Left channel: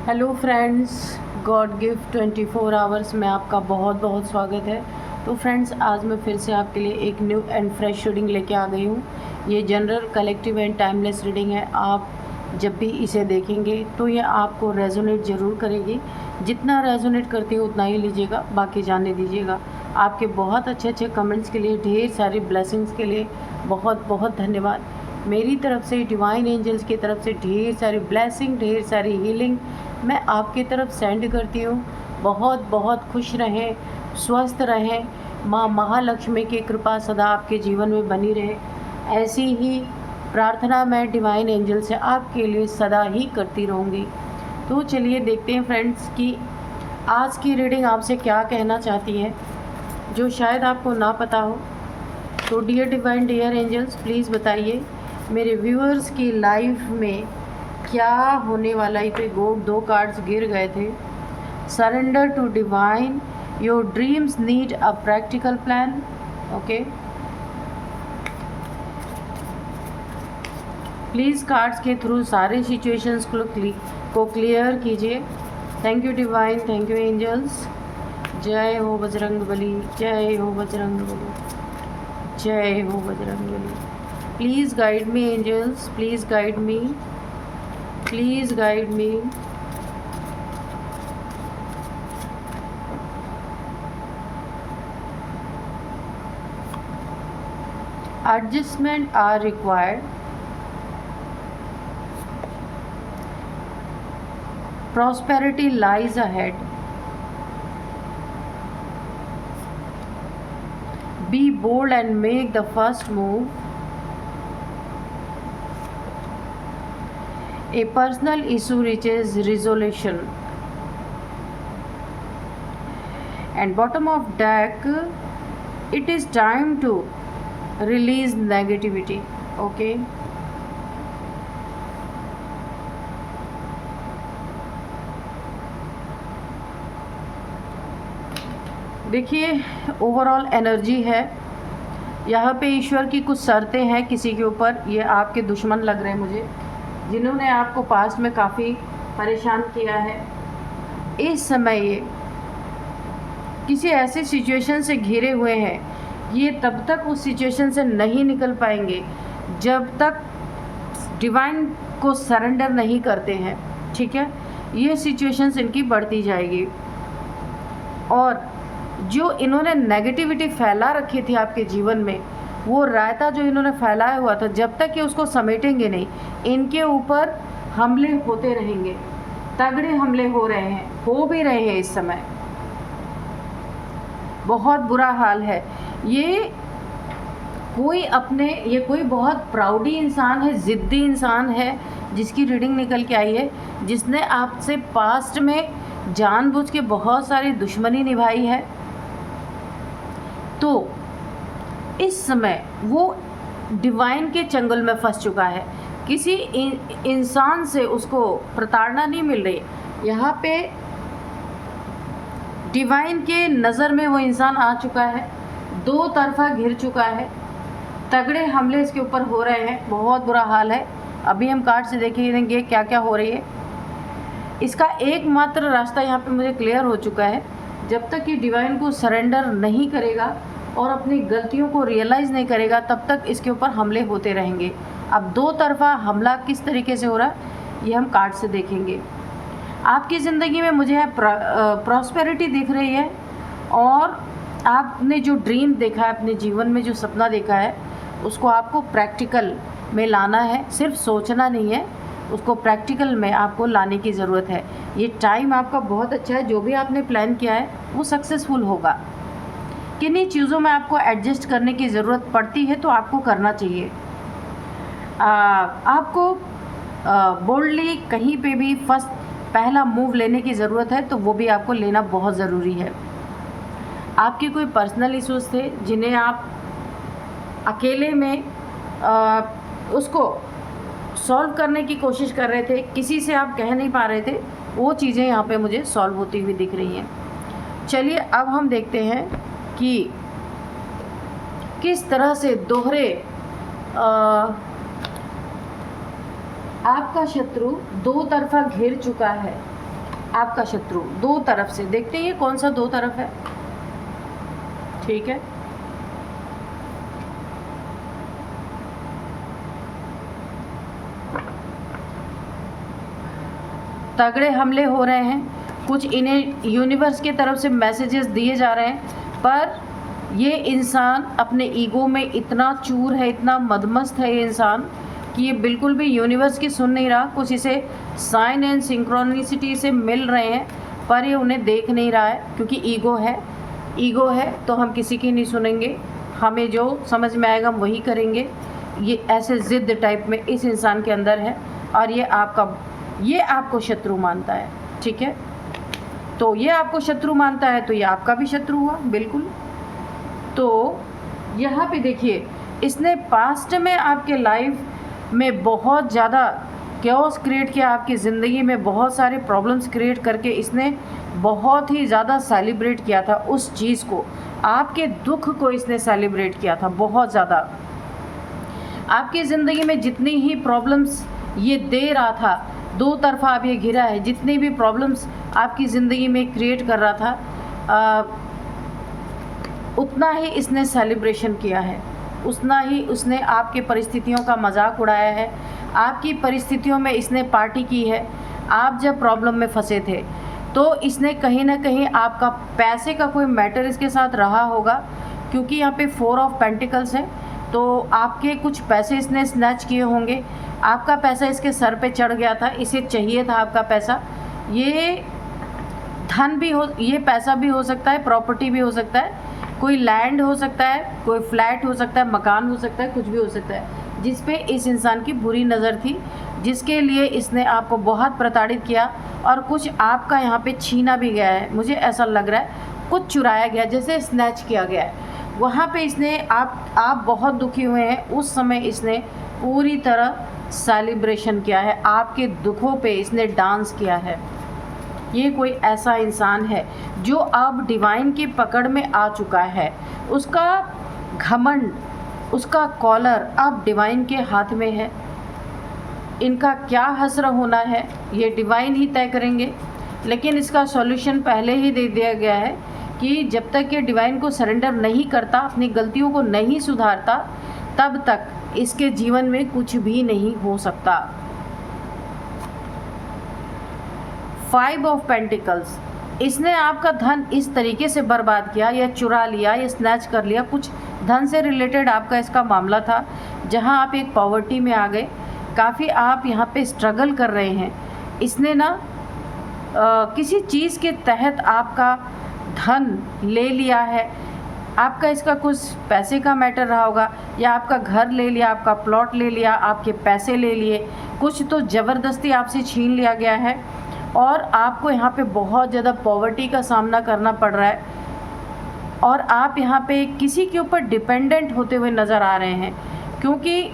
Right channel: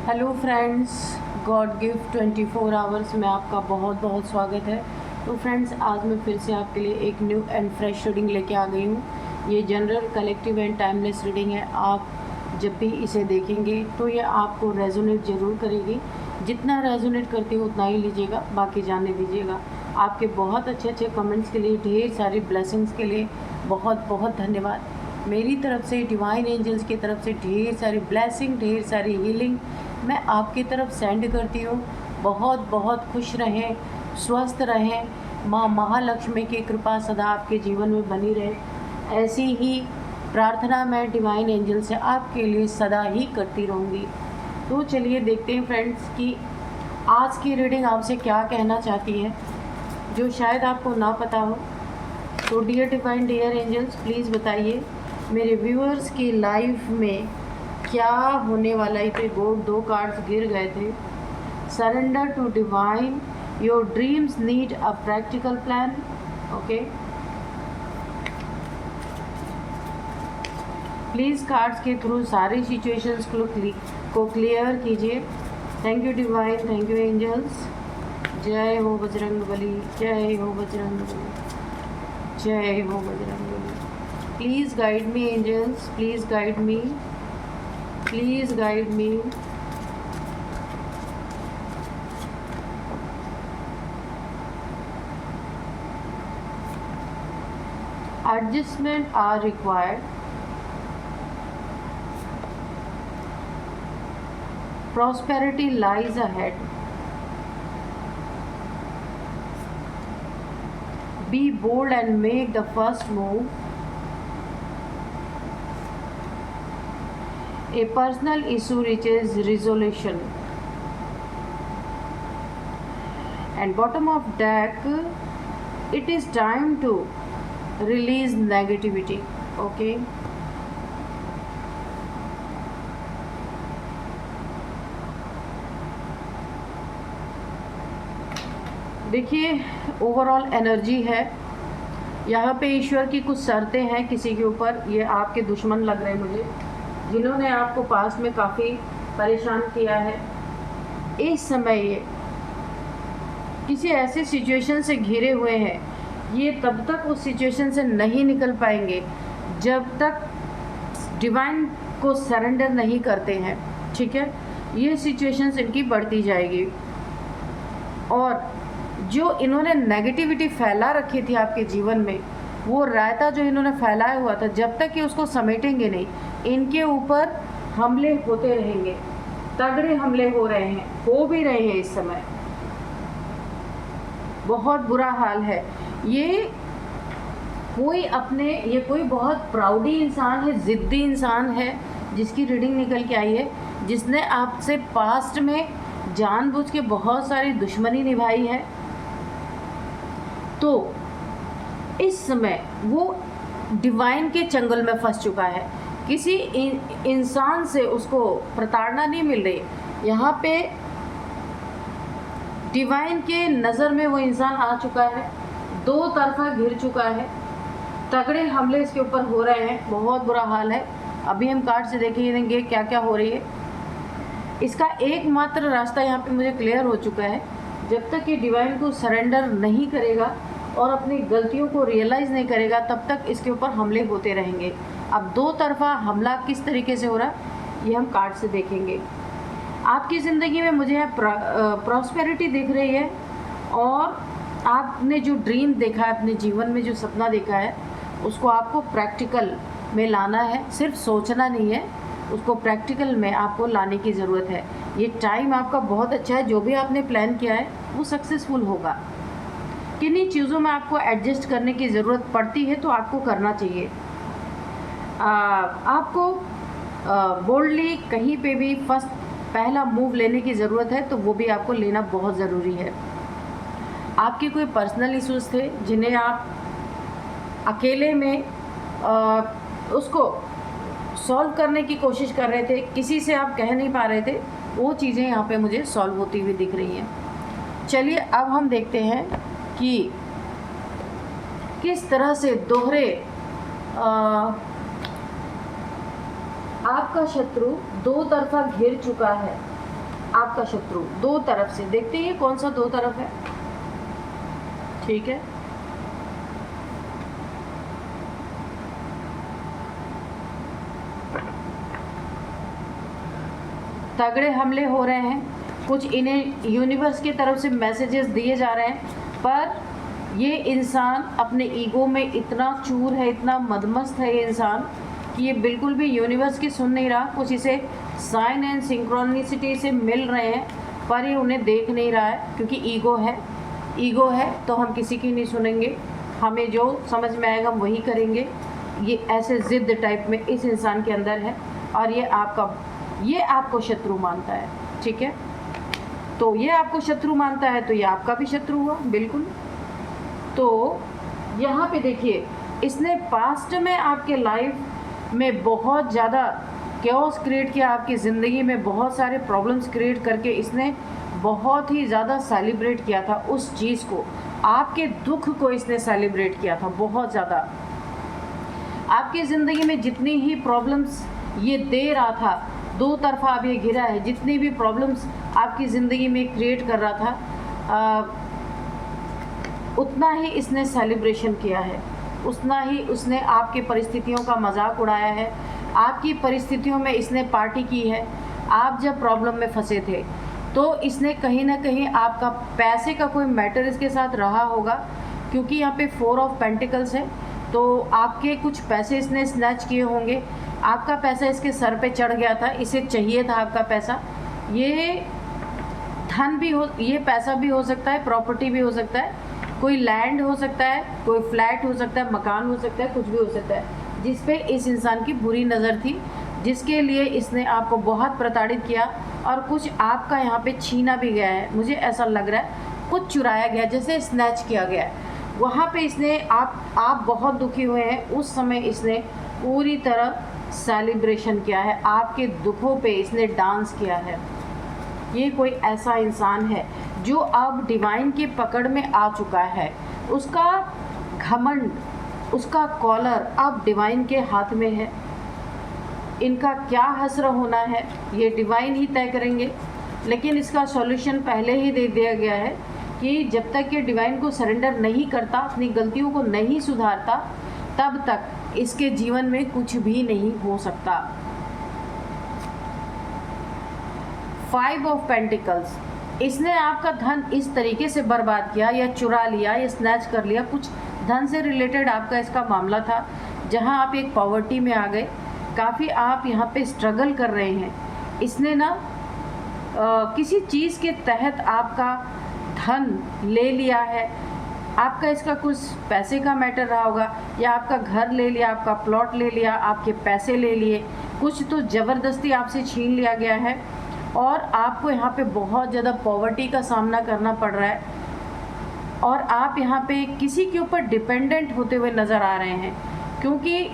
Hello friends, God gift 24 hours में आपका बहुत बहुत स्वागत है। तो फ्रेंड्स, आज मैं फिर से आपके लिए एक न्यू एंड फ्रेश रीडिंग लेके आ गई हूँ। ये general, collective and timeless reading है। आप जब भी इसे देखेंगे तो ये आपको रेजोनेट ज़रूर करेगी। जितना रेजोनेट करती है उतना ही लीजिएगा, बाकी जाने दीजिएगा। आपके बहुत अच्छे अच्छे कमेंट्स के लिए, ढेर सारी ब्लेसिंग्स के लिए बहुत बहुत धन्यवाद। मेरी तरफ से, डिवाइन एंजल्स की तरफ से ढेर सारी ब्लेसिंग, ढेर सारी हीलिंग मैं आपकी तरफ सेंड करती हूँ। बहुत बहुत खुश रहें, स्वस्थ रहें। माँ महालक्ष्मी की कृपा सदा आपके जीवन में बनी रहे। ऐसी ही प्रार्थना मैं डिवाइन एंजल से आपके लिए सदा ही करती रहूँगी। तो चलिए देखते हैं फ्रेंड्स कि आज की रीडिंग आपसे क्या कहना चाहती है, जो शायद आपको ना पता हो। तो dear divine, dear angels, please बताइए मेरे व्यूअर्स की लाइफ में क्या होने वाला है। दो कार्ड्स गिर गए थे। Surrender to divine, your dreams need a practical plan. Okay, please cards के थ्रू सारे सिचुएशंस को क्लियर कीजिए। Thank you divine, thank you angels. जय हो बजरंगबली, जय हो बजरंगबली, जय हो Bajrangbali. Please guide me angels, please guide me, please guide me. Adjustment are required. Prosperity lies ahead. Be bold and make the first move. A personal issue reaches resolution. And bottom of deck, it is time to release negativity. Okay, देखिए overall energy है यहाँ पे। ईश्वर की कुछ शर्तें हैं किसी के ऊपर। ये आपके दुश्मन लग रहे हैं मुझे, जिन्होंने आपको पास्ट में काफ़ी परेशान किया है। इस समय ये किसी ऐसे सिचुएशन से घिरे हुए हैं। ये तब तक उस सिचुएशन से नहीं निकल पाएंगे जब तक डिवाइन को सरेंडर नहीं करते हैं। ठीक है, ये सिचुएशंस इनकी बढ़ती जाएगी। और जो इन्होंने नेगेटिविटी फैला रखी थी आपके जीवन में, वो रायता जो इन्होंने फैलाया हुआ था, जब तक कि उसको समेटेंगे नहीं, इनके ऊपर हमले होते रहेंगे। तगड़े हमले हो रहे हैं, हो भी रहे हैं इस समय। बहुत बुरा हाल है। ये कोई बहुत प्राउडी इंसान है, ज़िद्दी इंसान है, जिसकी रीडिंग निकल के आई है, जिसने आपसे पास्ट में जानबूझ के बहुत सारी दुश्मनी निभाई है। तो इस समय वो डिवाइन के चंगुल में फंस चुका है। किसी इंसान से उसको प्रताड़ना नहीं मिल रही। यहाँ पे डिवाइन के नज़र में वो इंसान आ चुका है, दो तरफा घिर चुका है। तगड़े हमले इसके ऊपर हो रहे हैं, बहुत बुरा हाल है। अभी हम कार्ड से देखेंगे क्या क्या हो रही है। इसका एकमात्र रास्ता यहाँ पे मुझे क्लियर हो चुका है। जब तक ये डिवाइन को सरेंडर नहीं करेगा और अपनी गलतियों को रियलाइज़ नहीं करेगा, तब तक इसके ऊपर हमले होते रहेंगे। अब दो तरफा हमला किस तरीके से हो रहा है, ये हम कार्ड से देखेंगे। आपकी ज़िंदगी में मुझे प्रॉस्पेरिटी दिख रही है, और आपने जो ड्रीम देखा है, अपने जीवन में जो सपना देखा है, उसको आपको प्रैक्टिकल में लाना है। सिर्फ सोचना नहीं है, उसको प्रैक्टिकल में आपको लाने की ज़रूरत है। ये टाइम आपका बहुत अच्छा है। जो भी आपने प्लान किया है वो सक्सेसफुल होगा। किन्हीं चीज़ों में आपको एडजस्ट करने की ज़रूरत पड़ती है, तो आपको करना चाहिए। आपको बोल्डली कहीं पे भी पहला मूव लेने की ज़रूरत है, तो वो भी आपको लेना बहुत ज़रूरी है। आपके कोई पर्सनल इश्यूज़ थे जिन्हें आप अकेले में उसको सॉल्व करने की कोशिश कर रहे थे, किसी से आप कह नहीं पा रहे थे, वो चीज़ें यहाँ पे मुझे सॉल्व होती हुई दिख रही हैं। चलिए अब हम देखते हैं कि किस तरह से दोहरे आपका शत्रु दो तरफा घिर चुका है। आपका शत्रु, दो तरफ से। देखते हैं कौन सा दो तरफ है। ठीक है, तगड़े हमले हो रहे हैं, कुछ इन्हें यूनिवर्स की तरफ से मैसेजेस दिए जा रहे हैं, पर ये इंसान अपने ईगो में इतना चूर है, इतना मदमस्त है ये इंसान कि ये बिल्कुल भी यूनिवर्स की सुन नहीं रहा। कुछ इसे साइन एंड सिंक्रोनिसिटी से मिल रहे हैं, पर ये उन्हें देख नहीं रहा है, क्योंकि ईगो है तो हम किसी की नहीं सुनेंगे, हमें जो समझ में आएगा हम वही करेंगे। ये ऐसे ज़िद टाइप में इस इंसान के अंदर है, और ये आपको शत्रु मानता है। ठीक है, तो ये आपको शत्रु मानता है तो ये आपका भी शत्रु हुआ, बिल्कुल। तो यहाँ पे देखिए, इसने पास्ट में आपके लाइफ में बहुत ज़्यादा कैओस क्रिएट किया, आपकी ज़िंदगी में बहुत सारे प्रॉब्लम्स क्रिएट करके इसने बहुत ही ज़्यादा सेलिब्रेट किया था उस चीज़ को, आपके दुख को इसने सेलिब्रेट किया था बहुत ज़्यादा। आपकी ज़िंदगी में जितनी ही प्रॉब्लम्स ये दे रहा था, दो तरफा आप ये घिरा है, जितनी भी प्रॉब्लम्स आपकी ज़िंदगी में क्रिएट कर रहा था, उतना ही इसने सेलिब्रेशन किया है, उतना ही उसने आपकी परिस्थितियों का मजाक उड़ाया है, आपकी परिस्थितियों में इसने पार्टी की है। आप जब प्रॉब्लम में फंसे थे तो इसने कहीं ना कहीं आपका पैसे का कोई मैटर इसके साथ रहा होगा, क्योंकि यहाँ पे 4 ऑफ पेंटिकल्स है, तो आपके कुछ पैसे इसने स्नैच किए होंगे, आपका पैसा इसके सर पे चढ़ गया था, इसे चाहिए था आपका पैसा। ये धन भी हो, ये पैसा भी हो सकता है, प्रॉपर्टी भी हो सकता है, कोई लैंड हो सकता है, कोई फ्लैट हो सकता है, मकान हो सकता है, कुछ भी हो सकता है, जिस पे इस इंसान की बुरी नज़र थी, जिसके लिए इसने आपको बहुत प्रताड़ित किया, और कुछ आपका यहाँ पे छीना भी गया है। मुझे ऐसा लग रहा है कुछ चुराया गया, जैसे स्नैच किया गया है। वहाँ पे इसने आप बहुत दुखी हुए हैं, उस समय इसने पूरी तरह सेलिब्रेशन किया है, आपके दुखों पे इसने डांस किया है। ये कोई ऐसा इंसान है जो अब डिवाइन की पकड़ में आ चुका है, उसका घमंड, उसका कॉलर अब डिवाइन के हाथ में है। इनका क्या हश्र होना है ये डिवाइन ही तय करेंगे, लेकिन इसका सॉल्यूशन पहले ही दे दिया गया है कि जब तक ये डिवाइन को सरेंडर नहीं करता, अपनी गलतियों को नहीं सुधारता, तब तक इसके जीवन में कुछ भी नहीं हो सकता। 5 ऑफ पेंटिकल्स, इसने आपका धन इस तरीके से बर्बाद किया या चुरा लिया या स्नैच कर लिया, कुछ धन से रिलेटेड आपका इसका मामला था, जहां आप एक पॉवर्टी में आ गए, काफ़ी आप यहां पे स्ट्रगल कर रहे हैं। इसने ना किसी चीज़ के तहत आपका धन ले लिया है, आपका इसका कुछ पैसे का मैटर रहा होगा, या आपका घर ले लिया, आपका प्लॉट ले लिया, आपके पैसे ले लिए, कुछ तो ज़बरदस्ती आपसे छीन लिया गया है, और आपको यहाँ पे बहुत ज़्यादा पॉवर्टी का सामना करना पड़ रहा है, और आप यहाँ पे किसी के ऊपर डिपेंडेंट होते हुए नज़र आ रहे हैं, क्योंकि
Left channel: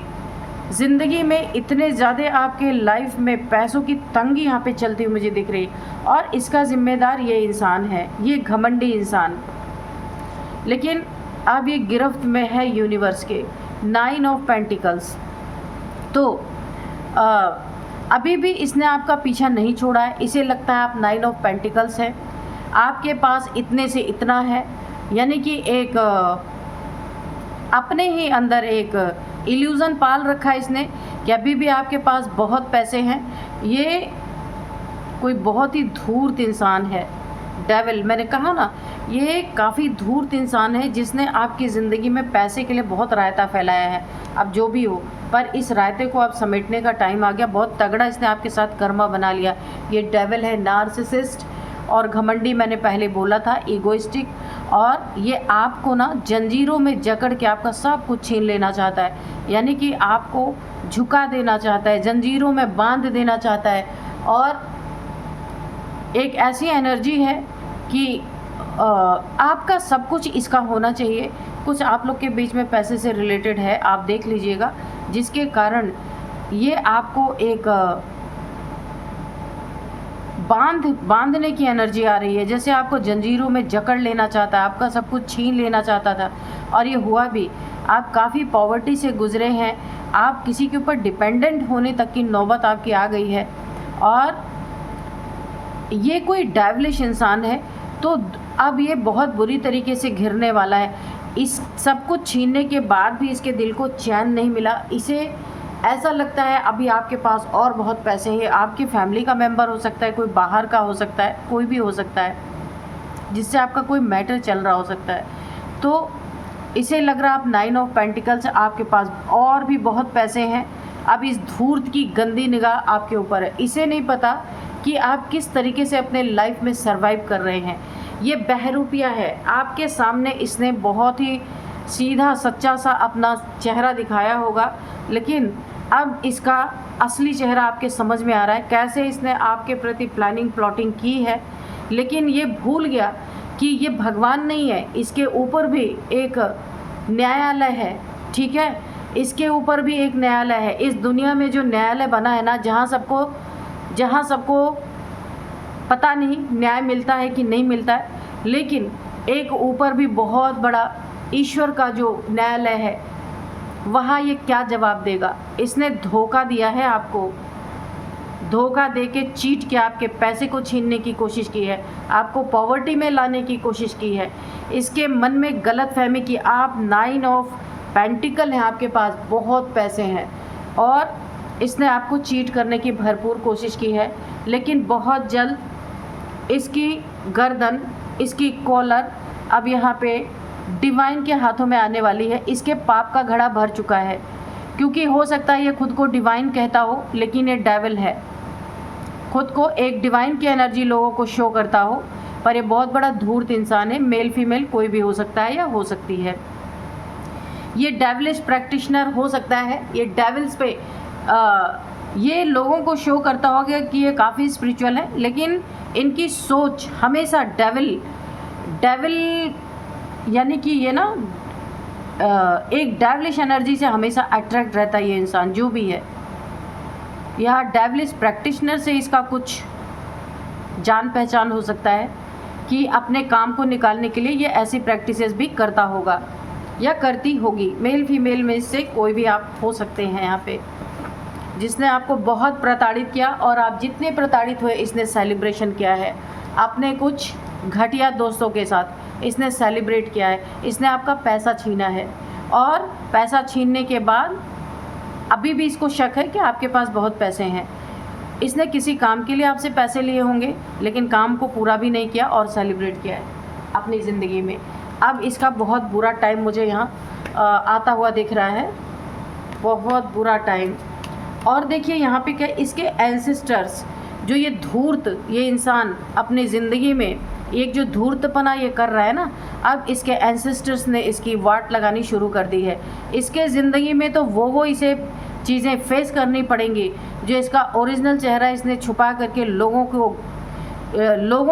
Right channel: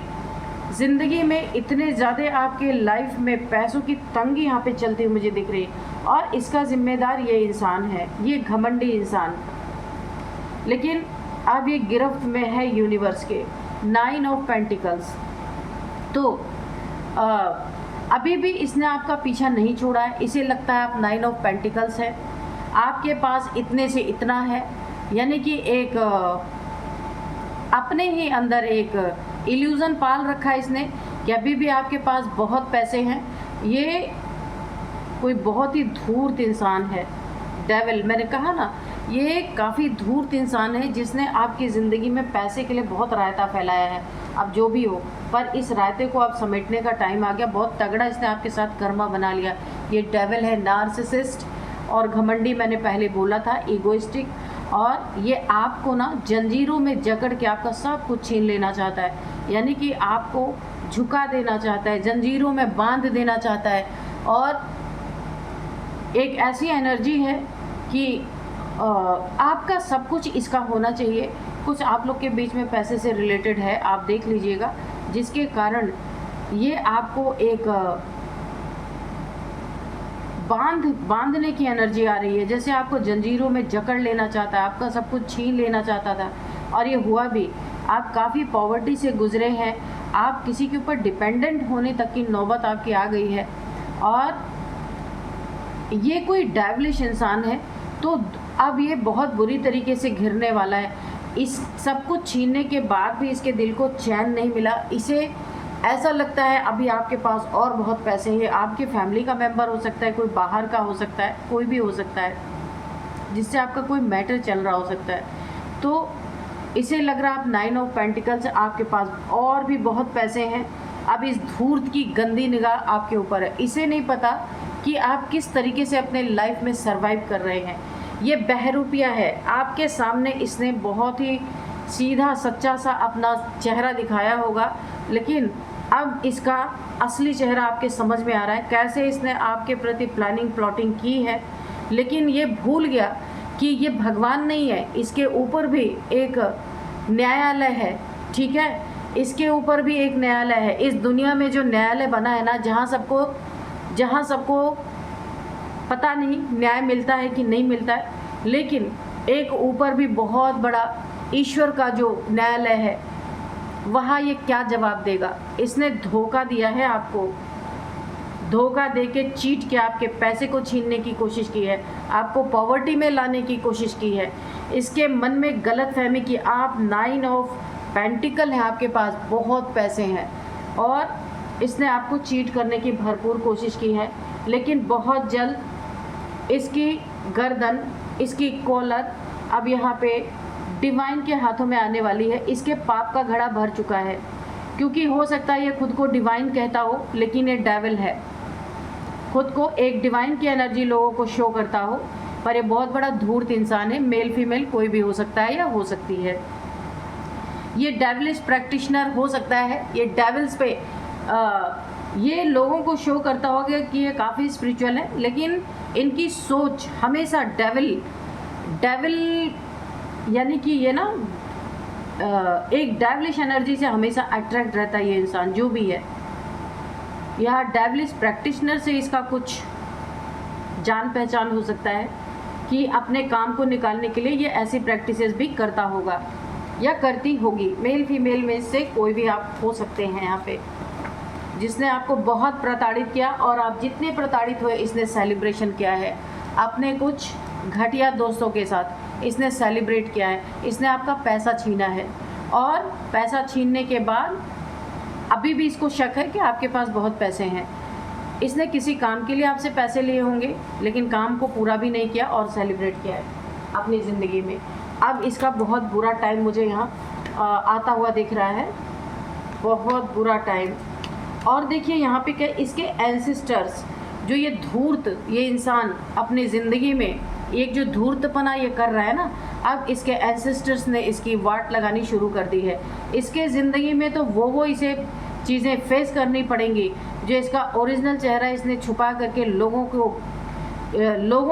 ज़िंदगी में इतने ज़्यादा आपके लाइफ में पैसों की तंगी यहाँ पे चलती हुई मुझे दिख रही है, और इसका ज़िम्मेदार ये इंसान है, ये घमंडी इंसान। लेकिन अब ये गिरफ्त में है यूनिवर्स के। 9 ऑफ पेंटिकल्स, तो अभी भी इसने आपका पीछा नहीं छोड़ा है, इसे लगता है आप 9 ऑफ पेंटिकल्स है, आपके पास इतने से इतना है, यानी कि एक अपने ही अंदर एक इल्यूज़न पाल रखा है इसने कि अभी भी आपके पास बहुत पैसे हैं। ये कोई बहुत ही धूर्त इंसान है, डेविल, मैंने कहा ना, ये काफ़ी धूर्त इंसान है जिसने आपकी ज़िंदगी में पैसे के लिए बहुत रायता फैलाया है। अब जो भी हो, पर इस रायते को आप समेटने का टाइम आ गया, बहुत तगड़ा इसने आपके साथ कर्मा बना लिया। ये डेविल है, नार्सिसिस्ट और घमंडी, मैंने पहले बोला था, ईगोइस्टिक, और ये आपको ना जंजीरों में जकड़ के आपका सब कुछ छीन लेना चाहता है, यानी कि आपको झुका देना चाहता है, जंजीरों में बांध देना चाहता है। और एक ऐसी एनर्जी है कि आपका सब कुछ इसका होना चाहिए। कुछ आप लोग के बीच में पैसे से रिलेटेड है, आप देख लीजिएगा, जिसके कारण ये आपको एक बांधने की एनर्जी आ रही है, जैसे आपको जंजीरों में जकड़ लेना चाहता है, आपका सब कुछ छीन लेना चाहता था, और ये हुआ भी। आप काफ़ी पॉवर्टी से गुजरे हैं, आप किसी के ऊपर डिपेंडेंट होने तक की नौबत आपकी आ गई है, और ये कोई डेविलिश इंसान है, तो अब ये बहुत बुरी तरीके से घिरने वाला है। इस सब कुछ छीनने के बाद भी इसके दिल को चैन नहीं मिला। इसे ऐसा लगता है अभी आपके पास और बहुत पैसे हैं। आपकी फैमिली का मेंबर हो सकता है, कोई बाहर का हो सकता है, कोई भी हो सकता है जिससे आपका कोई मैटर चल रहा हो सकता है। तो इसे लग रहा आप 9 ऑफ पेंटिकल्स, आपके पास और भी बहुत पैसे हैं। अब इस धूर्त की गंदी निगाह आपके ऊपर है। इसे नहीं पता कि आप किस तरीके से अपने लाइफ में सरवाइव कर रहे हैं। ये बहरूपिया है आपके सामने। इसने बहुत ही सीधा सच्चा सा अपना चेहरा दिखाया होगा, लेकिन अब इसका असली चेहरा आपके समझ में आ रहा है। कैसे इसने आपके प्रति प्लानिंग प्लॉटिंग की है, लेकिन ये भूल गया कि ये भगवान नहीं है, इसके ऊपर भी एक न्यायालय है। ठीक है, इसके ऊपर भी एक न्यायालय है। इस दुनिया में जो न्यायालय बना है ना, जहाँ सबको पता नहीं न्याय मिलता है कि नहीं मिलता है, लेकिन एक ऊपर भी बहुत बड़ा ईश्वर का जो न्यायालय है, वहाँ ये क्या जवाब देगा। इसने धोखा दिया है आपको, धोखा दे के चीट के आपके पैसे को छीनने की कोशिश की है, आपको पॉवर्टी में लाने की कोशिश की है। इसके मन में गलतफहमी कि आप 9 ऑफ पेंटिकल हैं, आपके पास बहुत पैसे हैं, और इसने आपको चीट करने की भरपूर कोशिश की है। लेकिन बहुत जल्द इसकी गर्दन, इसकी कॉलर अब यहाँ पे डिवाइन के हाथों में आने वाली है। इसके पाप का घड़ा भर चुका है, क्योंकि हो सकता है ये खुद को डिवाइन कहता हो, लेकिन ये डेविल है। खुद को एक डिवाइन की एनर्जी लोगों को शो करता हो, पर ये बहुत बड़ा धूर्त इंसान है। मेल फीमेल कोई भी हो सकता है या हो सकती है। ये डेविलिश प्रैक्टिशनर हो सकता है। ये डेविल्स पे ये लोगों को शो करता होगा कि ये काफ़ी स्पिरिचुअल है, लेकिन इनकी सोच हमेशा डेविल यानी कि ये ना एक डेविलिश एनर्जी से हमेशा अट्रैक्ट रहता है ये इंसान जो भी है। यह डेविलिश प्रैक्टिशनर से इसका कुछ जान पहचान हो सकता है कि अपने काम को निकालने के लिए ये ऐसी प्रैक्टिसेस भी करता होगा या करती होगी। मेल फीमेल में से कोई भी आप हो सकते हैं यहाँ पे, जिसने आपको बहुत प्रताड़ित किया, और आप जितने प्रताड़ित हुए इसने सेलिब्रेशन किया है अपने कुछ घटिया दोस्तों के साथ। इसने सेलिब्रेट किया है, इसने आपका पैसा छीना है, और पैसा छीनने के बाद अभी भी इसको शक है कि आपके पास बहुत पैसे हैं। इसने किसी काम के लिए आपसे पैसे लिए होंगे, लेकिन काम को पूरा भी नहीं किया और सेलिब्रेट किया है अपनी ज़िंदगी में। अब इसका बहुत बुरा टाइम मुझे यहाँ आता हुआ दिख रहा है, बहुत बुरा टाइम। और देखिए यहाँ पे क्या, इसके एंसेस्टर्स जो ये धूर्त, ये इंसान अपनी ज़िंदगी में एक जो धूर्तपना ये कर रहा है ना, अब इसके एंसेस्टर्स ने इसकी वाट लगानी शुरू कर दी है। इसके ज़िंदगी में तो वो इसे चीज़ें फेस करनी पड़ेंगी जो इसका ओरिजिनल चेहरा इसने छुपा करके लोगों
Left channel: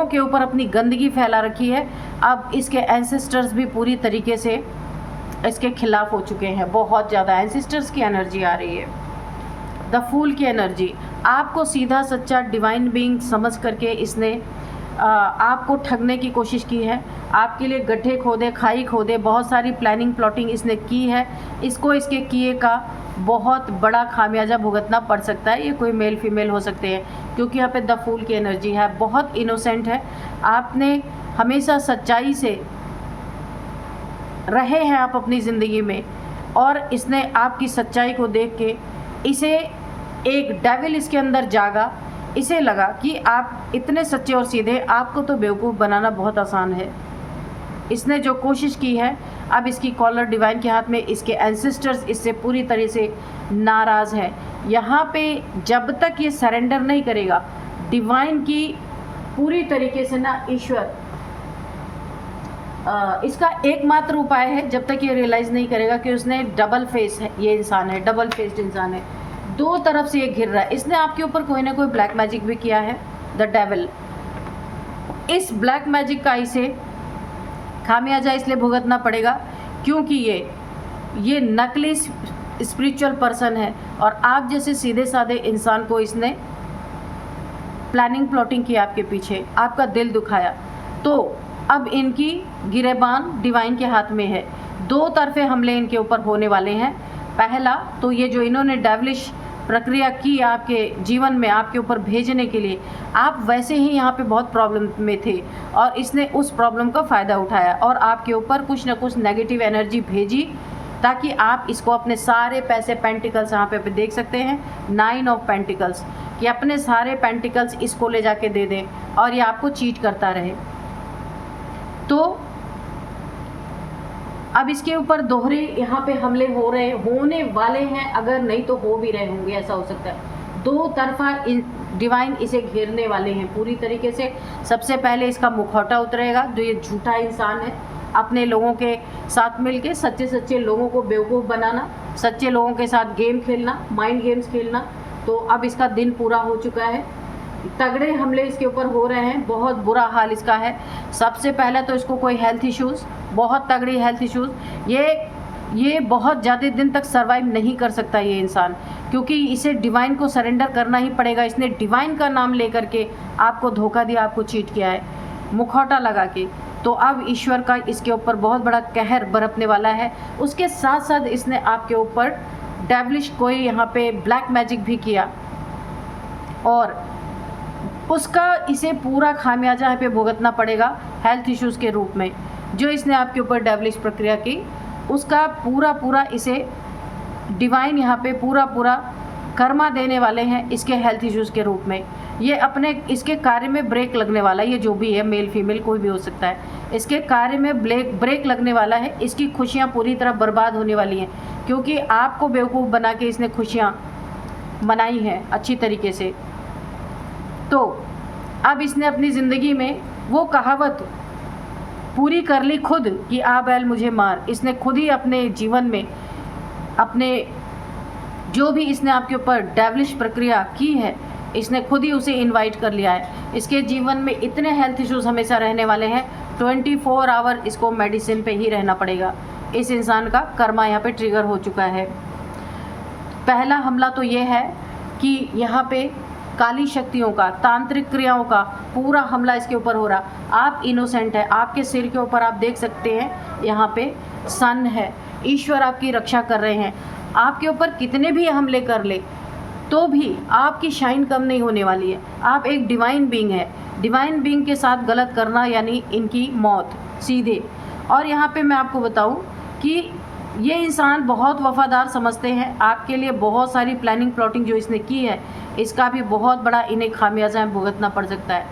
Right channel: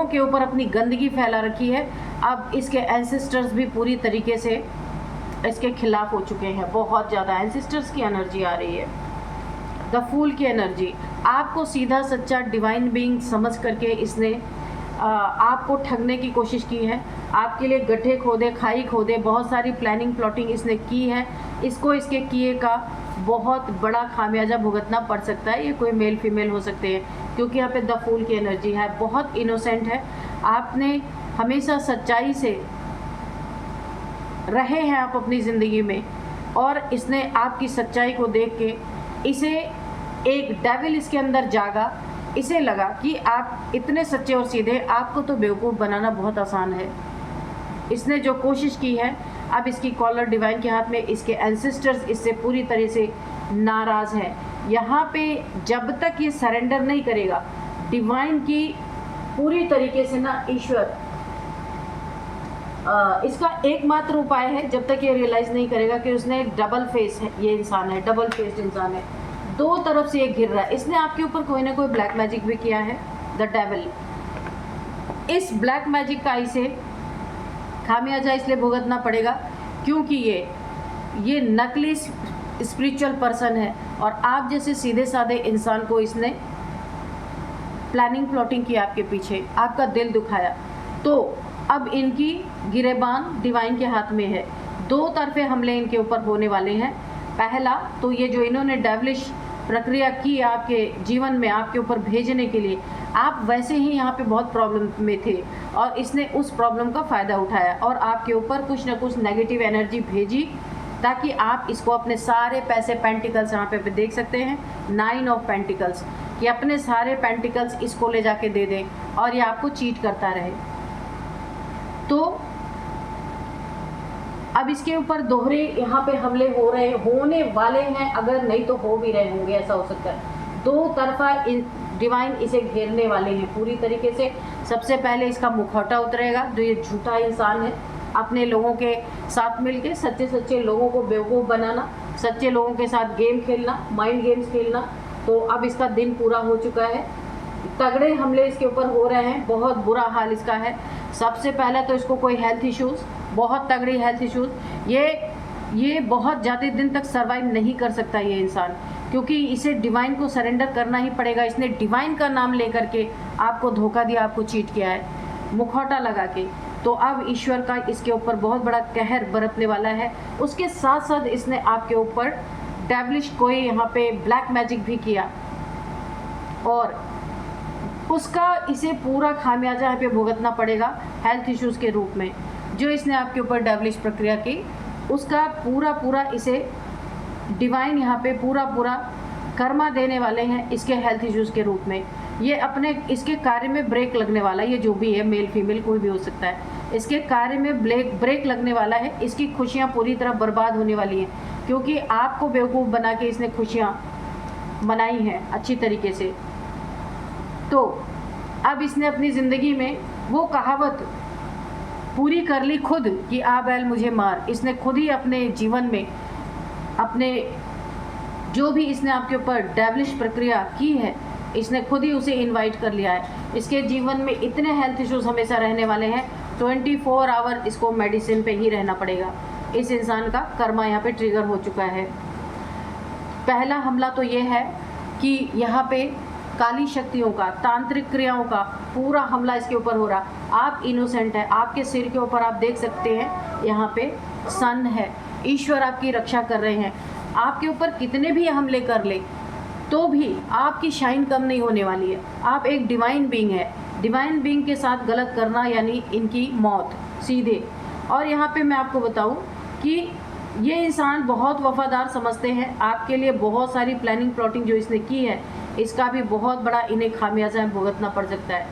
के ऊपर अपनी गंदगी फैला रखी है। अब इसके एंसेस्टर्स भी पूरी तरीके से इसके खिलाफ हो चुके हैं। बहुत ज़्यादा एंसेस्टर्स की एनर्जी आ रही है, द फूल की एनर्जी। आपको सीधा सच्चा डिवाइन बीइंग समझ करके इसने आपको ठगने की कोशिश की है। आपके लिए गड्ढे खोदे, खाई खोदे, बहुत सारी प्लानिंग प्लॉटिंग इसने की है। इसको इसके किए का बहुत बड़ा खामियाजा भुगतना पड़ सकता है। ये कोई मेल फीमेल हो सकते हैं, क्योंकि यहाँ पे द फूल की एनर्जी है। बहुत इनोसेंट है, आपने हमेशा सच्चाई से रहे हैं आप अपनी ज़िंदगी में, और इसने आपकी सच्चाई को देख के इसे एक डेविल इसके अंदर जागा। इसे लगा कि आप इतने सच्चे और सीधे, आपको तो बेवकूफ़ बनाना बहुत आसान है। इसने जो कोशिश की है, अब इसकी कॉलर डिवाइन के हाथ में, इसके एंसेस्टर्स इससे पूरी तरह से नाराज़ हैं। यहाँ पे जब तक ये सरेंडर नहीं करेगा डिवाइन की पूरी तरीके से ना, ईश्वर इसका एकमात्र उपाय है, जब तक ये रियलाइज़ नहीं करेगा कि उसने डबल फेस है, ये इंसान है, डबल फेस्ड इंसान है, दो तरफ से ये घिर रहा है। इसने आपके ऊपर कोई ना कोई ब्लैक मैजिक भी किया है, द डेविल। इस ब्लैक मैजिक का इसे खामियाजा इसलिए भुगतना पड़ेगा क्योंकि ये नकली स्पिरिचुअल पर्सन है, और आप जैसे सीधे साधे इंसान को इसने प्लानिंग प्लॉटिंग की आपके पीछे, आपका दिल दुखाया। तो अब इनकी गिरेबान डिवाइन के हाथ में है। दो तरफे हमले इनके ऊपर होने वाले हैं। पहला तो ये जो इन्होंने डेविलिश प्रक्रिया की आपके जीवन में आपके ऊपर भेजने के लिए, आप वैसे ही यहाँ पे बहुत प्रॉब्लम में थे और इसने उस प्रॉब्लम का फ़ायदा उठाया और आपके ऊपर कुछ ना कुछ नेगेटिव एनर्जी भेजी ताकि आप इसको अपने सारे पैसे, पेंटिकल्स यहाँ पे देख सकते हैं 9 ऑफ पेंटिकल्स, कि अपने सारे पेंटिकल्स इसको ले जाके दे दें और ये आपको चीट करता रहे। तो अब इसके ऊपर दोहरे यहाँ पे हमले होने वाले हैं, अगर नहीं तो हो भी रहे होंगे, ऐसा हो सकता है। दो तरफा डिवाइन इसे घेरने वाले हैं पूरी तरीके से। सबसे पहले इसका मुखौटा उतरेगा, जो ये झूठा इंसान है, अपने लोगों के साथ मिलके सच्चे लोगों को बेवकूफ़ बनाना, सच्चे लोगों के साथ गेम खेलना, माइंड गेम्स खेलना। तो अब इसका दिन पूरा हो चुका है, तगड़े हमले इसके ऊपर हो रहे हैं, बहुत बुरा हाल इसका है। सबसे पहले तो इसको कोई हेल्थ इश्यूज़, बहुत तगड़ी हेल्थ इश्यूज़, ये बहुत ज़्यादा दिन तक सर्वाइव नहीं कर सकता ये इंसान, क्योंकि इसे डिवाइन को सरेंडर करना ही पड़ेगा। इसने डिवाइन का नाम लेकर के आपको धोखा दिया, आपको चीट किया है मुखौटा लगा के। तो अब ईश्वर का इसके ऊपर बहुत बड़ा कहर बरतने वाला है। उसके साथ साथ इसने आपके ऊपर डेविलिश कोई यहाँ पे ब्लैक मैजिक भी किया और उसका इसे पूरा खामियाजा यहाँ पे भुगतना पड़ेगा हेल्थ इश्यूज़ के रूप में। जो इसने आपके ऊपर डेविलिश प्रक्रिया की, उसका पूरा इसे डिवाइन यहाँ पे पूरा कर्मा देने वाले हैं इसके हेल्थ इश्यूज़ के रूप में। ये अपने इसके कार्य में ब्रेक लगने वाला है, ये जो भी है, मेल फीमेल कोई भी हो सकता है, इसके कार्य में ब्रेक लगने वाला है। इसकी खुशियाँ पूरी तरह बर्बाद होने वाली हैं, क्योंकि आपको बेवकूफ़ बना के इसने खुशियाँ मनाई हैं अच्छी तरीके से। तो अब इसने अपनी ज़िंदगी में वो कहावत पूरी कर ली खुद कि आ बैल मुझे मार। इसने खुद ही अपने जीवन में अपने जो भी इसने आपके ऊपर डेविलिश प्रक्रिया की है, इसने खुद ही उसे इनवाइट कर लिया है। इसके जीवन में इतने हेल्थ इश्यूज़ हमेशा रहने वाले हैं, 24 आवर इसको मेडिसिन पे ही रहना पड़ेगा। इस इंसान का कर्मा यहाँ पे ट्रिगर हो चुका है। पहला हमला तो ये है कि यहाँ पे काली शक्तियों का, तांत्रिक क्रियाओं का पूरा हमला इसके ऊपर हो रहा। आप इनोसेंट है, आपके सिर के ऊपर आप देख सकते हैं यहाँ पे सन है, ईश्वर आपकी रक्षा कर रहे हैं। आपके ऊपर कितने भी हमले कर ले तो भी आपकी शाइन कम नहीं होने वाली है। आप एक डिवाइन बीइंग है, डिवाइन बीइंग के साथ गलत करना यानी इनकी मौत सीधे। और यहाँ पे मैं आपको बताऊँ कि ये इंसान बहुत वफादार समझते हैं आपके लिए। बहुत सारी प्लानिंग प्लॉटिंग जो इसने की है, इसका भी बहुत बड़ा इन्हें खामियाजा भुगतना पड़ सकता है।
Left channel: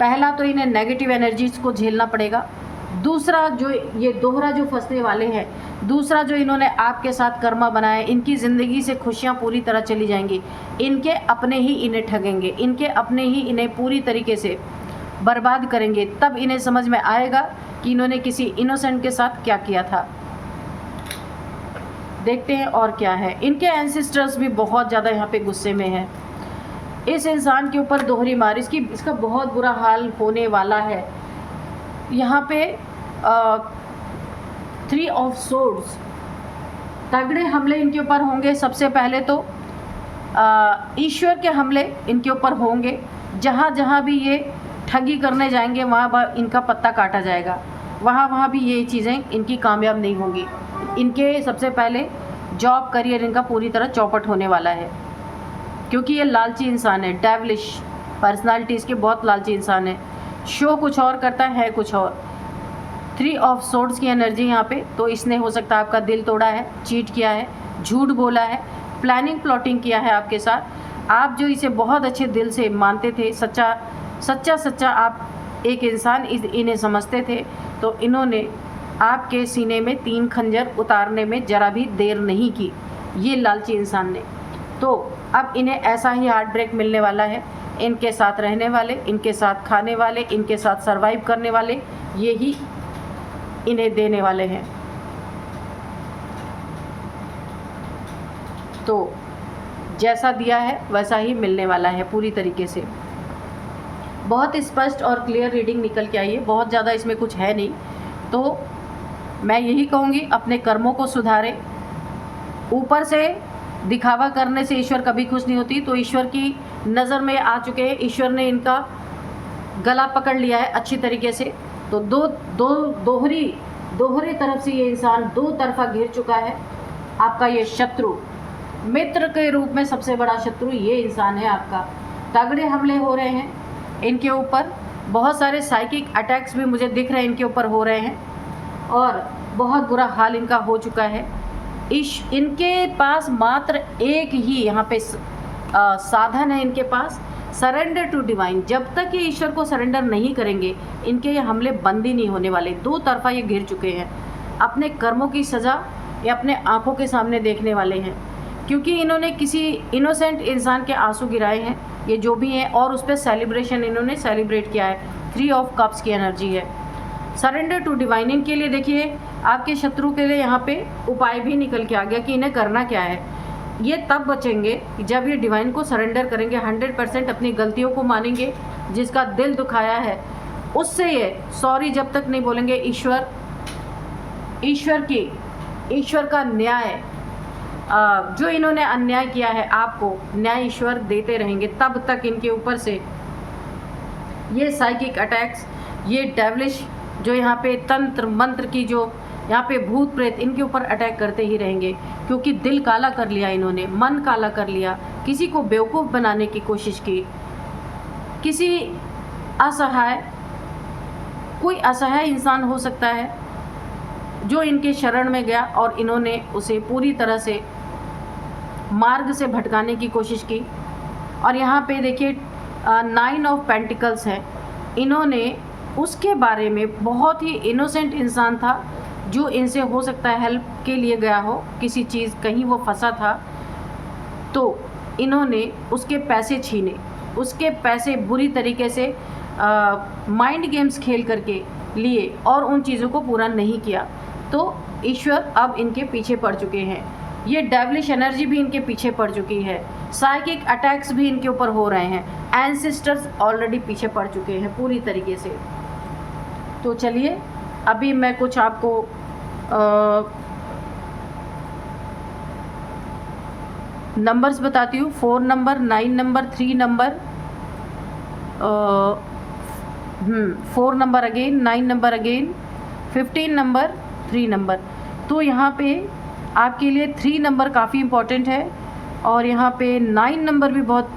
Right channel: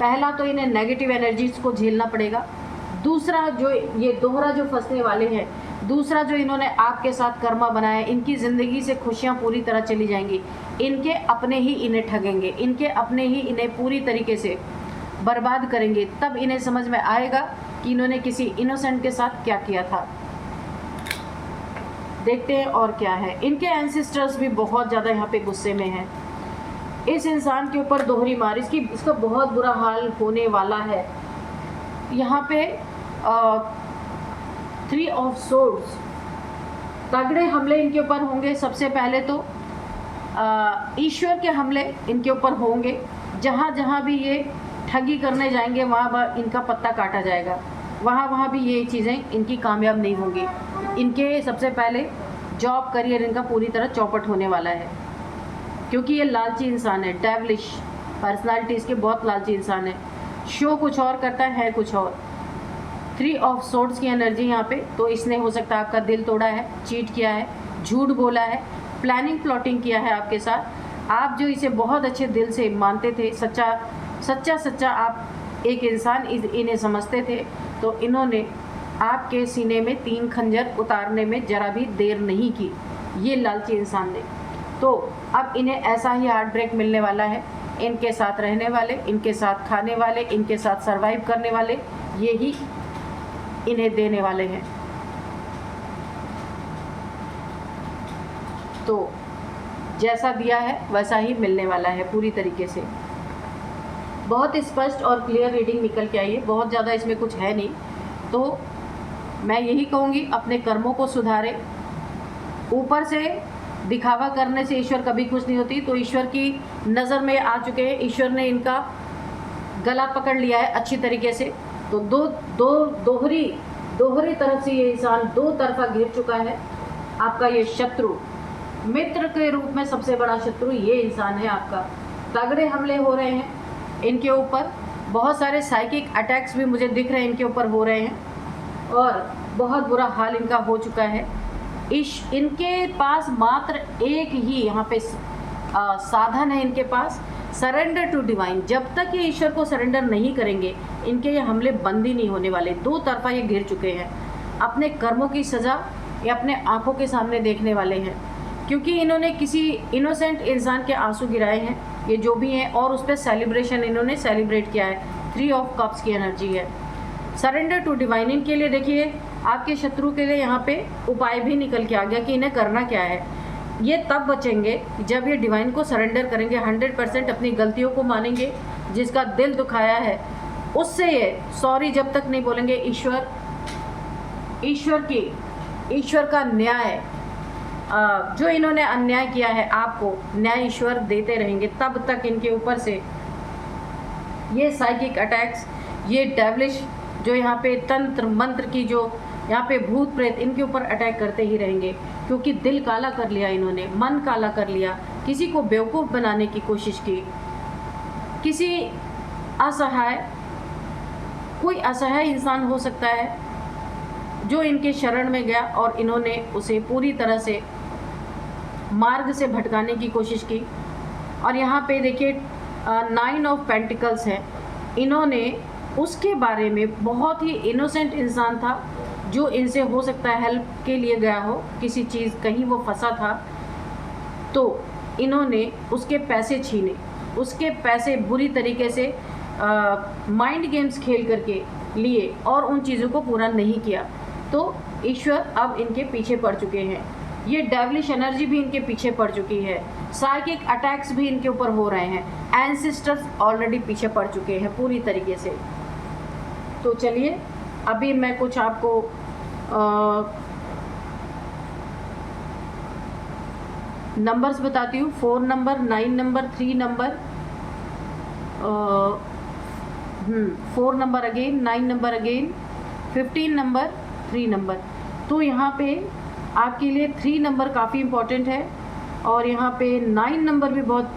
पहला तो इन्हें नेगेटिव एनर्जीज को झेलना पड़ेगा। दूसरा जो ये दोहरा जो फंसने वाले हैं, दूसरा जो इन्होंने आपके साथ कर्मा बनाया, इनकी ज़िंदगी से खुशियाँ पूरी तरह चली जाएंगी। इनके अपने ही इन्हें ठगेंगे, इनके अपने ही इन्हें पूरी तरीके से बर्बाद करेंगे। तब इन्हें समझ में आएगा कि इन्होंने किसी इनोसेंट के साथ क्या किया था। देखते हैं और क्या है। इनके एंसेस्टर्स भी बहुत ज़्यादा यहाँ पे गुस्से में हैं। इस इंसान के ऊपर दोहरी मार, इसका बहुत बुरा हाल होने वाला है। यहाँ पे 3 ऑफ सोर्ड्स, तगड़े हमले इनके ऊपर होंगे। सबसे पहले तो ईश्वर के हमले इनके ऊपर होंगे। जहाँ जहाँ भी ये ठगी करने जाएंगे, वहाँ इनका पत्ता काटा जाएगा। वहाँ भी ये चीज़ें इनकी कामयाब नहीं होंगी। इनके सबसे पहले जॉब करियर इनका पूरी तरह चौपट होने वाला है, क्योंकि ये लालची इंसान है। डेविलिश पर्सनालिटी इसके बहुत लालची इंसान है। शो कुछ और करता है कुछ और। 3 ऑफ सोर्ड्स की एनर्जी यहाँ पे, तो इसने हो सकता है आपका दिल तोड़ा है, चीट किया है, झूठ बोला है, प्लानिंग प्लॉटिंग किया है आपके साथ। आप जो इसे बहुत अच्छे दिल से मानते थे, सच्चा आप एक इंसान इन्हें समझते थे, तो इन्होंने आपके सीने में 3 खंजर उतारने में ज़रा भी देर नहीं की, ये लालची इंसान ने। तो अब इन्हें ऐसा ही हार्ट ब्रेक मिलने वाला है। इनके साथ रहने वाले, इनके साथ खाने वाले, इनके साथ सरवाइव करने वाले, ये ही इन्हें देने वाले हैं। तो जैसा दिया है वैसा ही मिलने वाला है पूरी तरीके से। बहुत स्पष्ट और क्लियर रीडिंग निकल के आई है, बहुत ज़्यादा इसमें कुछ है नहीं। तो मैं यही कहूँगी, अपने कर्मों को सुधारें। ऊपर से दिखावा करने से ईश्वर कभी खुश नहीं होती। तो ईश्वर की नज़र में आ चुके हैं, ईश्वर ने इनका गला पकड़ लिया है अच्छी तरीके से। तो दोहरी तरफ से ये इंसान 2 तरफा घिर चुका है। आपका ये शत्रु मित्र के रूप में सबसे बड़ा शत्रु ये इंसान है आपका। तगड़े हमले हो रहे हैं इनके ऊपर, बहुत सारे साइकिक अटैक्स भी मुझे दिख रहे हैं इनके ऊपर हो रहे हैं और बहुत बुरा हाल इनका हो चुका है। इनके पास मात्र एक ही यहाँ पे साधन है इनके पास, सरेंडर टू डिवाइन। जब तक ये ईश्वर को सरेंडर नहीं करेंगे इनके ये हमले बंद ही नहीं होने वाले। दो तरफा ये घिर चुके हैं, अपने कर्मों की सज़ा ये अपने आंखों के सामने देखने वाले हैं, क्योंकि इन्होंने किसी इनोसेंट इंसान के आंसू गिराए हैं, ये जो भी हैं, और उस पर सेलिब्रेशन इन्होंने सेलिब्रेट किया है। 3 ऑफ कप्स की एनर्जी है। सरेंडर टू डिवाइन इनके लिए देखिए, आपके शत्रु के लिए यहाँ पे उपाय भी निकल के आ गया कि इन्हें करना क्या है। ये तब बचेंगे जब ये डिवाइन को सरेंडर करेंगे, 100% अपनी गलतियों को मानेंगे, जिसका दिल दुखाया है उससे ये सॉरी जब तक नहीं बोलेंगे। ईश्वर का न्याय, जो इन्होंने अन्याय किया है आपको, न्याय ईश्वर देते रहेंगे तब तक इनके ऊपर से ये साइकिक अटैक्स, ये डेविलिश जो यहाँ पे तंत्र मंत्र की, जो यहाँ पे भूत प्रेत इनके ऊपर अटैक करते ही रहेंगे, क्योंकि दिल काला कर लिया इन्होंने, मन काला कर लिया, किसी को बेवकूफ़ बनाने की कोशिश की, किसी असहाय, कोई असहाय इंसान हो सकता है जो इनके शरण में गया और इन्होंने उसे पूरी तरह से मार्ग से भटकाने की कोशिश की। और यहाँ पे देखिए 9 ऑफ पेंटिकल्स है, इन्होंने उसके बारे में, बहुत ही इनोसेंट इंसान था जो इनसे हो सकता है हेल्प के लिए गया हो, किसी चीज़ कहीं वो फंसा था, तो इन्होंने उसके पैसे छीने, उसके पैसे बुरी तरीके से माइंड गेम्स खेल करके लिए और उन चीज़ों को पूरा नहीं किया। तो ईश्वर अब इनके पीछे पड़ चुके हैं, ये डेविलिश एनर्जी भी इनके पीछे पड़ चुकी है, साइकिक अटैक्स भी इनके ऊपर हो रहे हैं, एंसेस्टर्स ऑलरेडी पीछे पड़ चुके हैं पूरी तरीके से। तो चलिए अभी मैं कुछ आपको नंबर्स बताती हूँ। 4 number, 9 number, 3 number, 4 number again, 9 number again, 15 number, 3 number. तो यहाँ पे आपके लिए 3 नंबर काफ़ी इम्पोर्टेंट है और यहाँ पे 9 नंबर भी बहुत,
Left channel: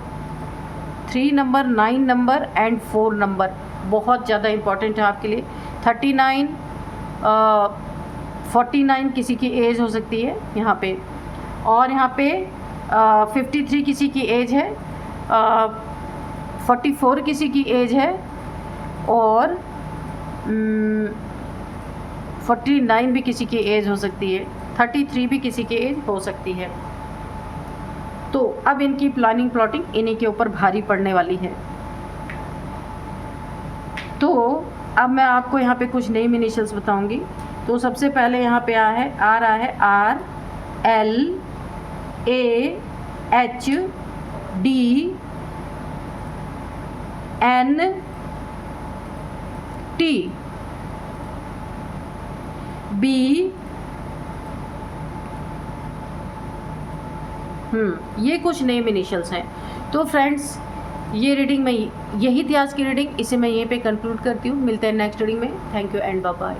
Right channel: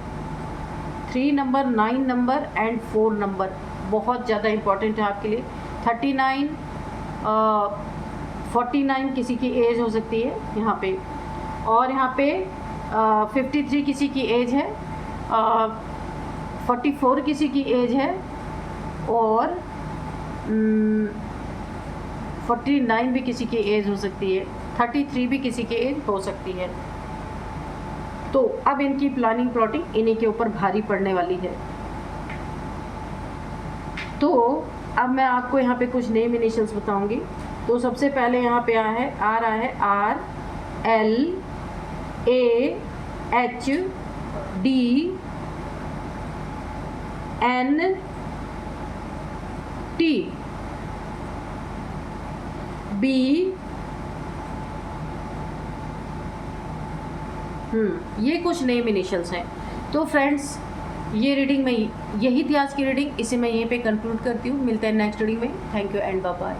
3 नंबर, 9 नंबर एंड 4 नंबर बहुत ज़्यादा इम्पोर्टेंट है आपके लिए। 39, 49 किसी की एज हो सकती है यहाँ पे, और यहाँ पे 53 किसी की एज है, 44 किसी की एज है, और 49 भी किसी की एज हो सकती है, 33 भी किसी की एज हो सकती है। तो अब इनकी प्लानिंग प्लॉटिंग इन्हीं के ऊपर भारी पड़ने वाली है। तो अब मैं आपको यहाँ पे कुछ नेम इनिशियल्स बताऊंगी। तो सबसे पहले यहाँ पे आ रहा है RLAHDNT B, ये कुछ नेम इनिशियल्स हैं। तो फ्रेंड्स ये रीडिंग में, यही थी आज की रीडिंग, इसे मैं यहीं पे कंक्लूड करती हूँ। मिलते हैं नेक्स्ट रीडिंग में। Thank you and bye bye.